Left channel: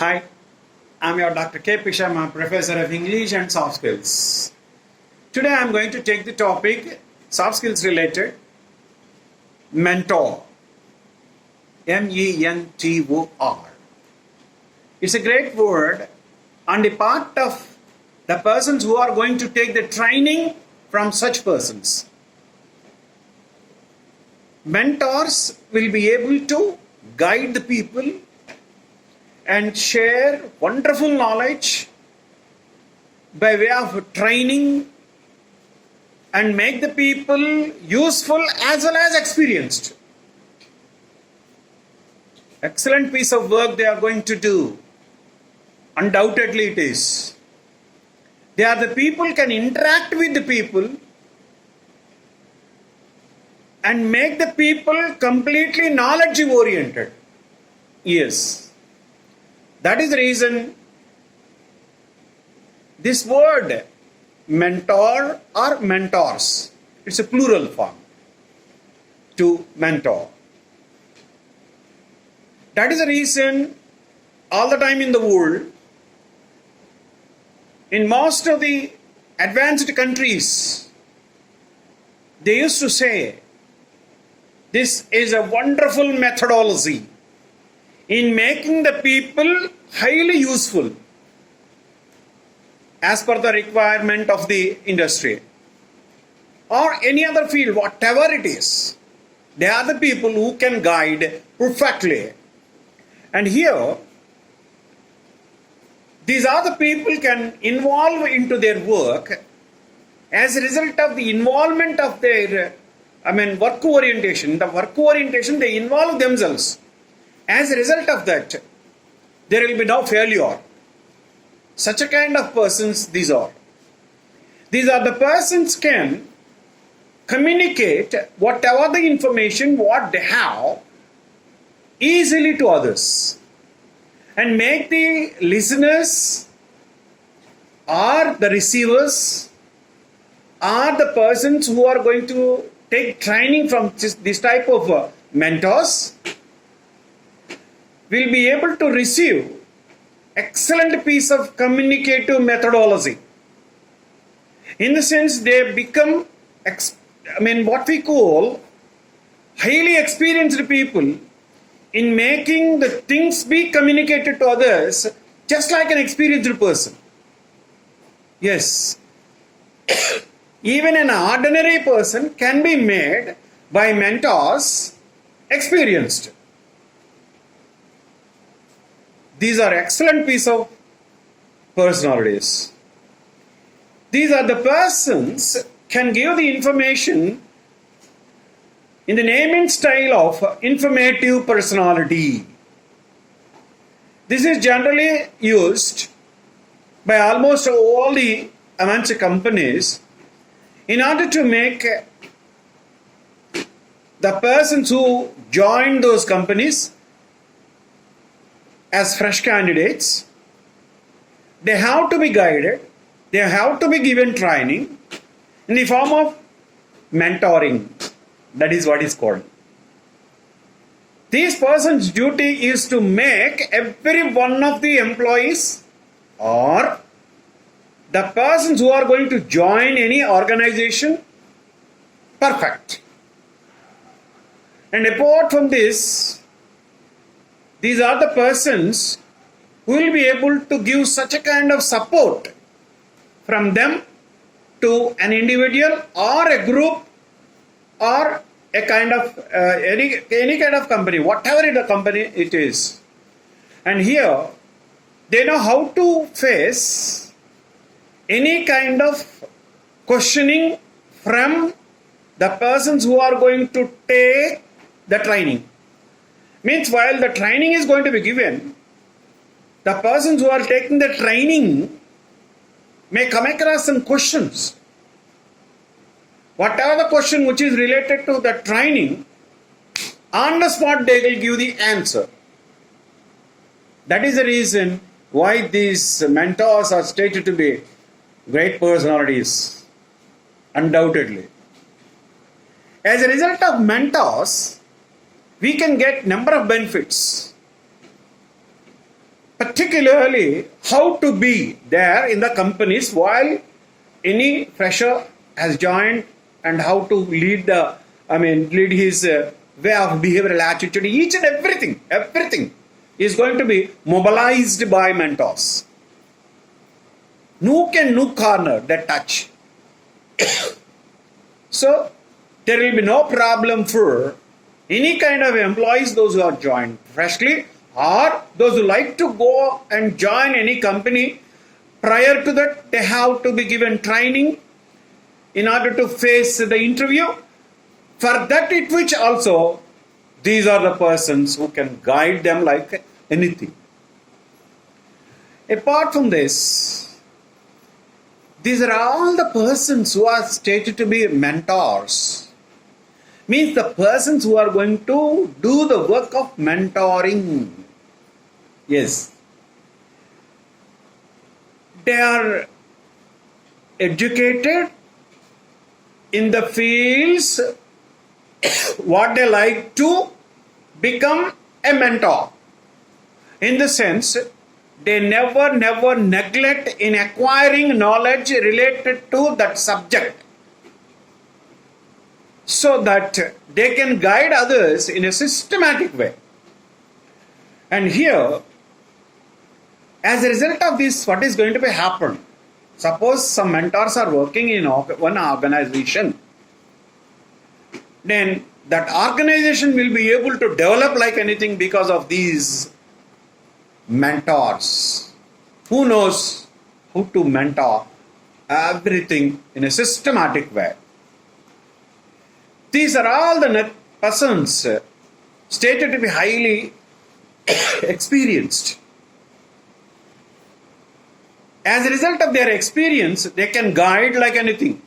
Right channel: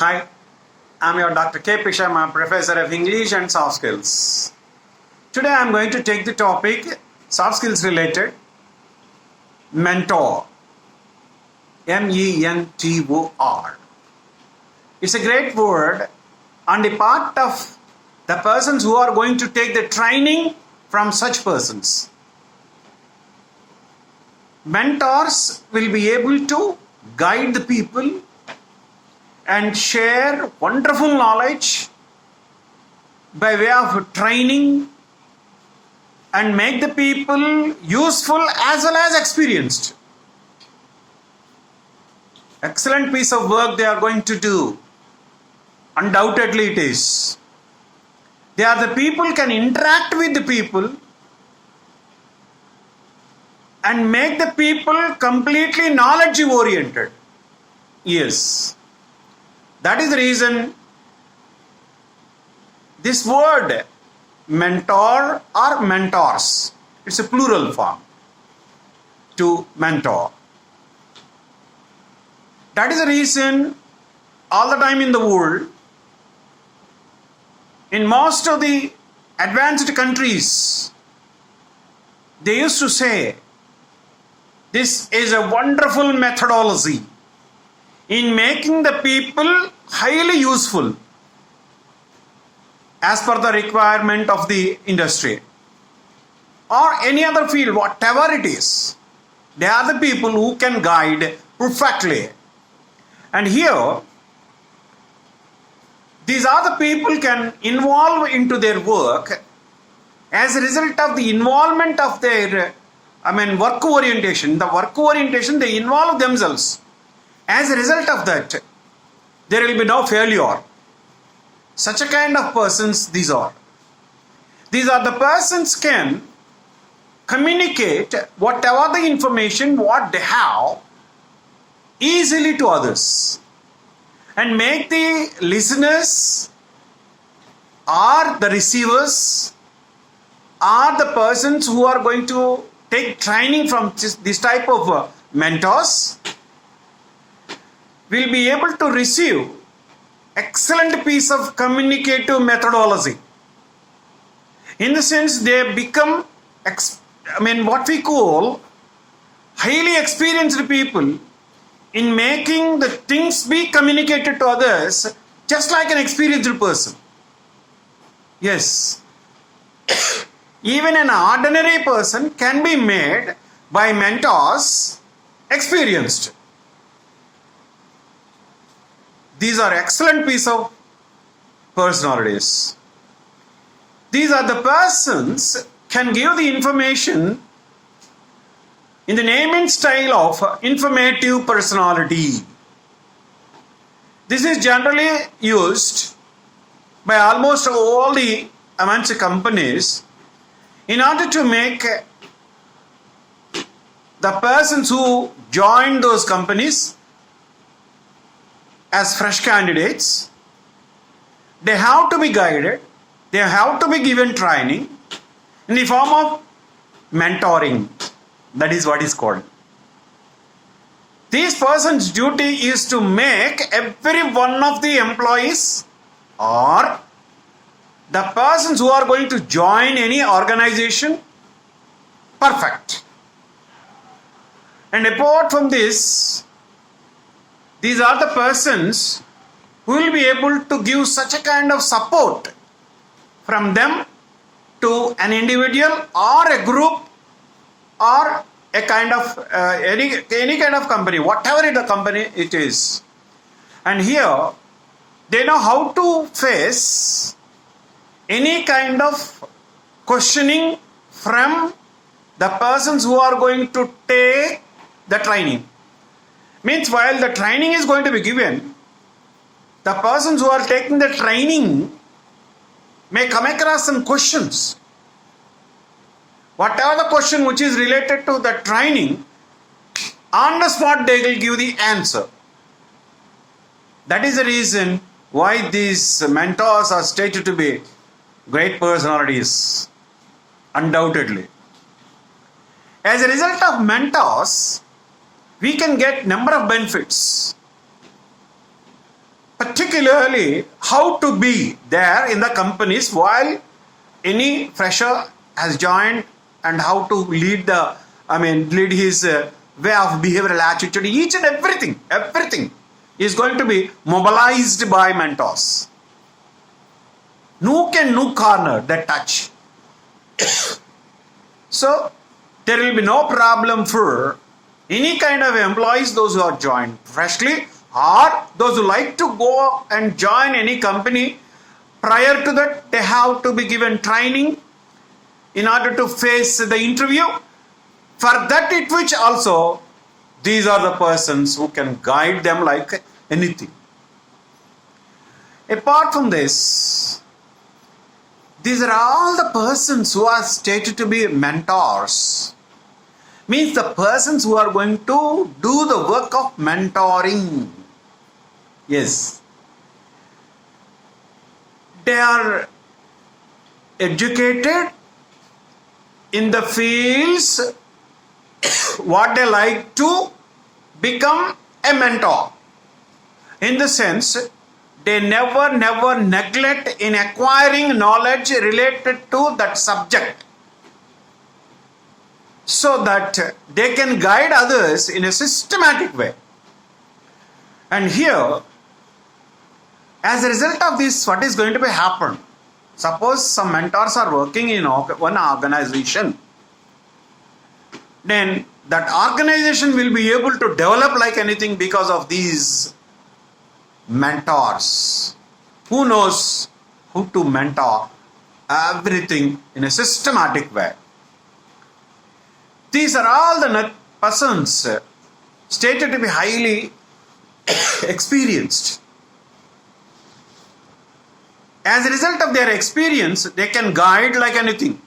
Hi, I'm your Dr. K. Pishama, Professor of English and Soft Skills. Today I'm going to take the topic, soft skills related, mentor. M-E-N-T-O-R. It's a great word on the part of the persons who are going to take the training from such persons. Mentors will be able to guide the people and share wonderful knowledge by way of training and make the people useful as well as experienced. Excellent piece of work they are going to do. Undoubtedly it is. They are the people can interact with the people and make the people completely knowledge oriented. Yes. That is the reason this word mentor or mentors, it's a plural form to mentor. That is the reason all the time in the world, in most of the advanced countries, they used to say, this is a wonderful methodology in making the people highly useful as per the requirement of the industry or any other field, whatever it is. They are the people who can guide perfectly. And here, these are the people can involve into their work as a result of the involvement of their, work orientation. The work orientation, they involve themselves. As a result of that, there will be no failure. Such a kind of persons these are. These are the persons can communicate whatever the information what they have easily to others and make the listeners or the receivers or the persons who are going to take training from this type of mentors will be able to receive excellent piece of communicative methodology. In the sense they become, what we call highly experienced people in making the things be communicated to others just like an experienced person. Yes. Even an ordinary person can be made by mentors experienced. These are excellent piece of personalities. These are the persons can give the information in the name and style of informative personality. This is generally used by almost all the MNC companies in order to make the persons who join those companies as fresh candidates, they have to be guided, they have to be given training in the form of mentoring. That is what is called. This person's duty is to make every one of the employees or the persons who are going to join any organization perfect. And apart from this, these are the persons who will be able to give such a kind of support from them to an individual or a group or a kind of any kind of company, whatever the company it is. And here they know how to face any kind of questioning from the persons who are going to take the training. Means while the training is going to be given, the persons who are taking the training may come across some questions. Whatever the question which is related to the training, on the spot they will give the answer. That is the reason why these mentors are stated to be great personalities, undoubtedly. As a result of mentors, we can get number of benefits. particularly how to be there in the companies while any fresher has joined and how to lead lead his way of behavioral attitude, each and everything is going to be mobilized by mentors. Nook and nook corner that touch. So there will be no problem for any kind of employees, those who are joined freshly or those who like to go and join any company. Prior to that, they have to be given training in order to face the interview. For that it which also, these are the persons who can guide them like anything. Apart from this, these are all the persons who are stated to be mentors. Means the persons who are going to do the work of mentoring. Yes. They are educated in the fields what they like to become a mentor. In the sense, they never neglect in acquiring knowledge related to that subject, so that they can guide others in a systematic way. And here, as a result of this, what is going to be happen? Suppose some mentors are working in one organization, then that organization will be able to develop like anything because of these mentors. Who knows who to mentor everything in a systematic way. These are all the persons stated to be highly experienced. As a result of their experience, they can guide like anything.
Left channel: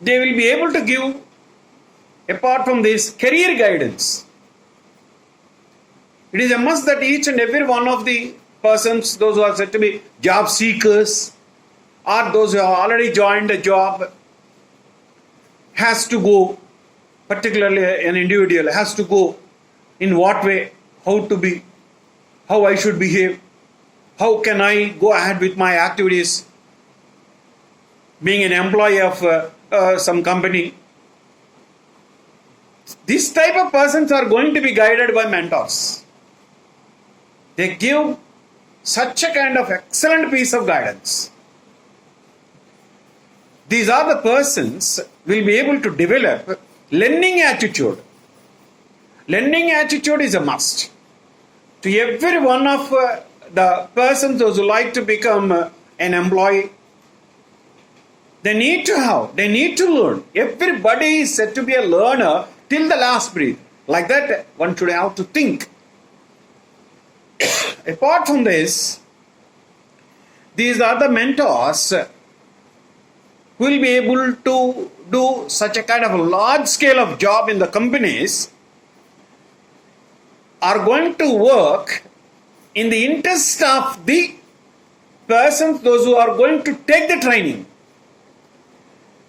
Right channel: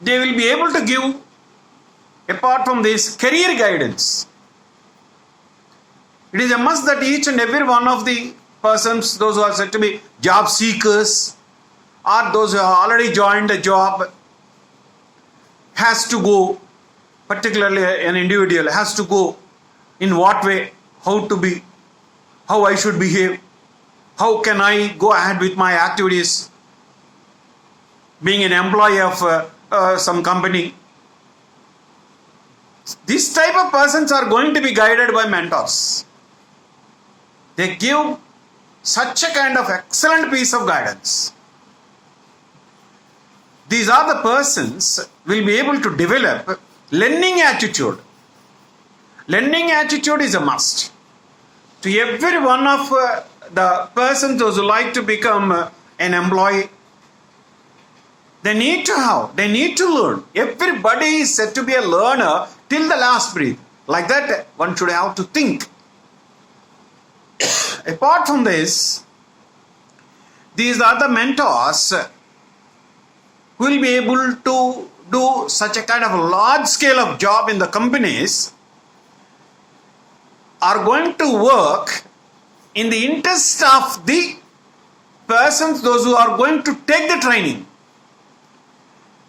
They will be able to give, apart from this, career guidance. It is a must that each and every one of the persons, those who are said to be job seekers, or those who have already joined a job, has to go, particularly an individual, has to go in what way, how to be, how I should behave, how can I go ahead with my activities, being an employee of some company. This type of persons are going to be guided by mentors. They give such a kind of excellent piece of guidance. These are the persons will be able to develop learning attitude. Learning attitude is a must. To every one of the persons those who like to become an employee, they need to learn. Everybody is said to be a learner till the last breath. Like that, one should have to think. Apart from this, these are the mentors who will be able to do such a kind of large scale of job in the companies, are going to work in the interest of the persons, those who are going to take the training.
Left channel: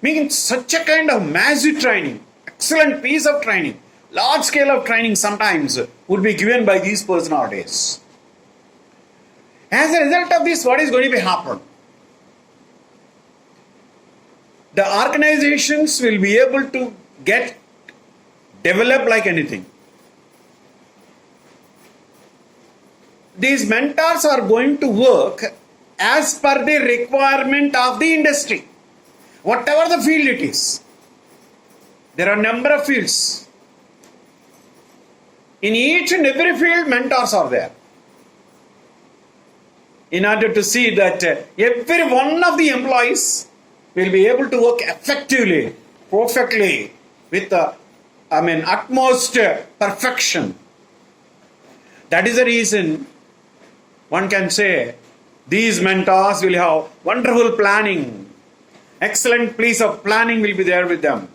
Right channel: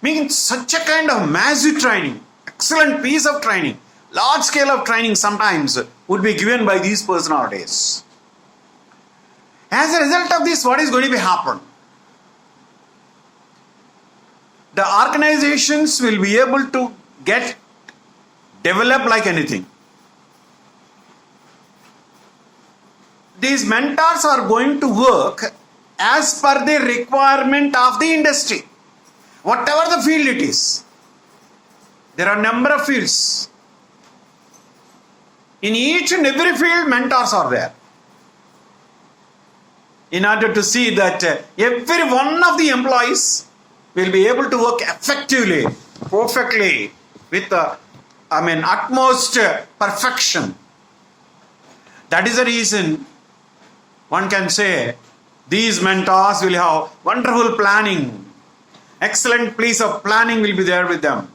Means such a kind of massive training, excellent piece of training, large scale of training sometimes would be given by these persons nowadays. As a result of this, what is going to be happen? The organizations will be able to develop like anything. These mentors are going to work as per the requirement of the industry, whatever the field it is. There are a number of fields. In each and every field, mentors are there. In order to see that every one of the employees will be able to work effectively, perfectly, with utmost perfection. That is the reason one can say these mentors will have wonderful planning. Excellent piece of planning will be there with them.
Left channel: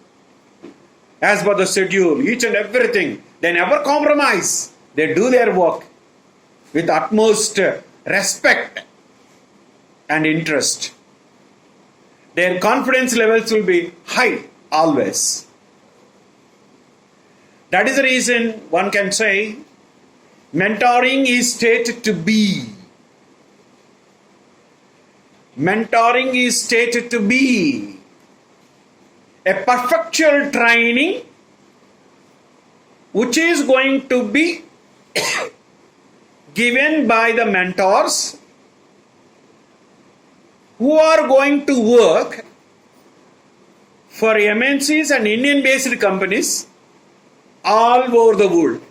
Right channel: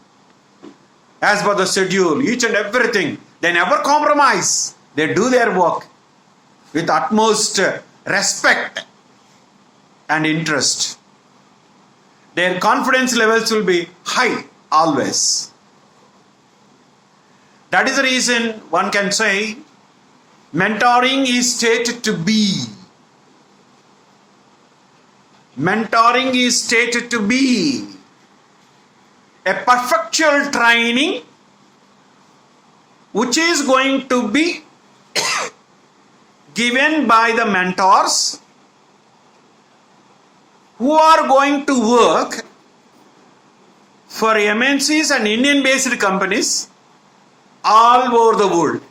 As per the schedule, each and everything. They never compromise. They do their work with utmost respect and interest. Their confidence levels will be high always. That is the reason one can say Mentoring is stated to be. Mentoring is stated to be a perfectual training which is going to be given by the mentors who are going to work for MNCs and Indian-based companies all over the world.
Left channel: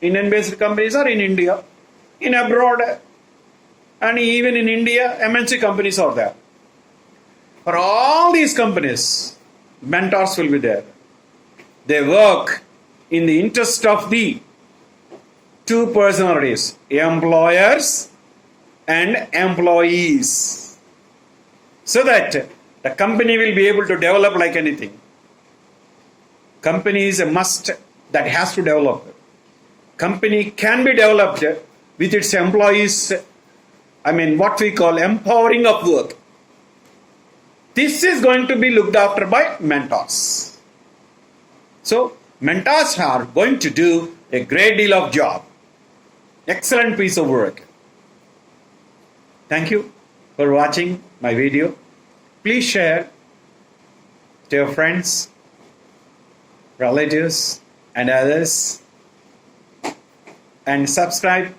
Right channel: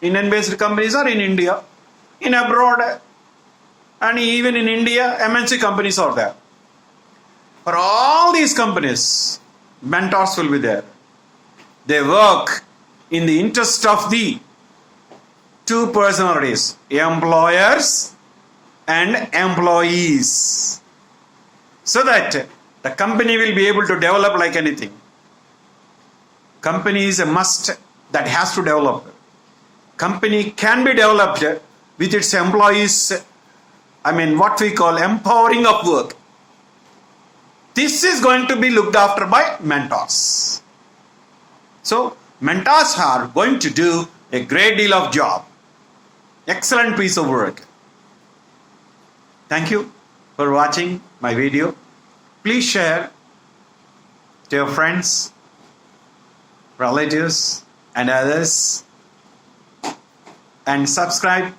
Indian-based companies are in India, in abroad, and even in India, MNC companies are there. For all these companies, mentors will be there. They work in the interest of the two personalities, employers and employees, so that the company will be able to develop like anything. Company is a must that has to develop. Company can be developed with its employees, what we call empowering of work. This is going to be looked after by mentors. So, mentors are going to do a great deal of job. Excellent piece of work. Thank you for watching my video. Please share to your friends, relatives, and others, and subscribe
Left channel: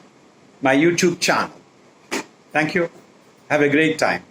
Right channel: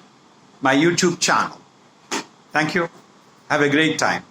my YouTube channel. Thank you. Have a great time.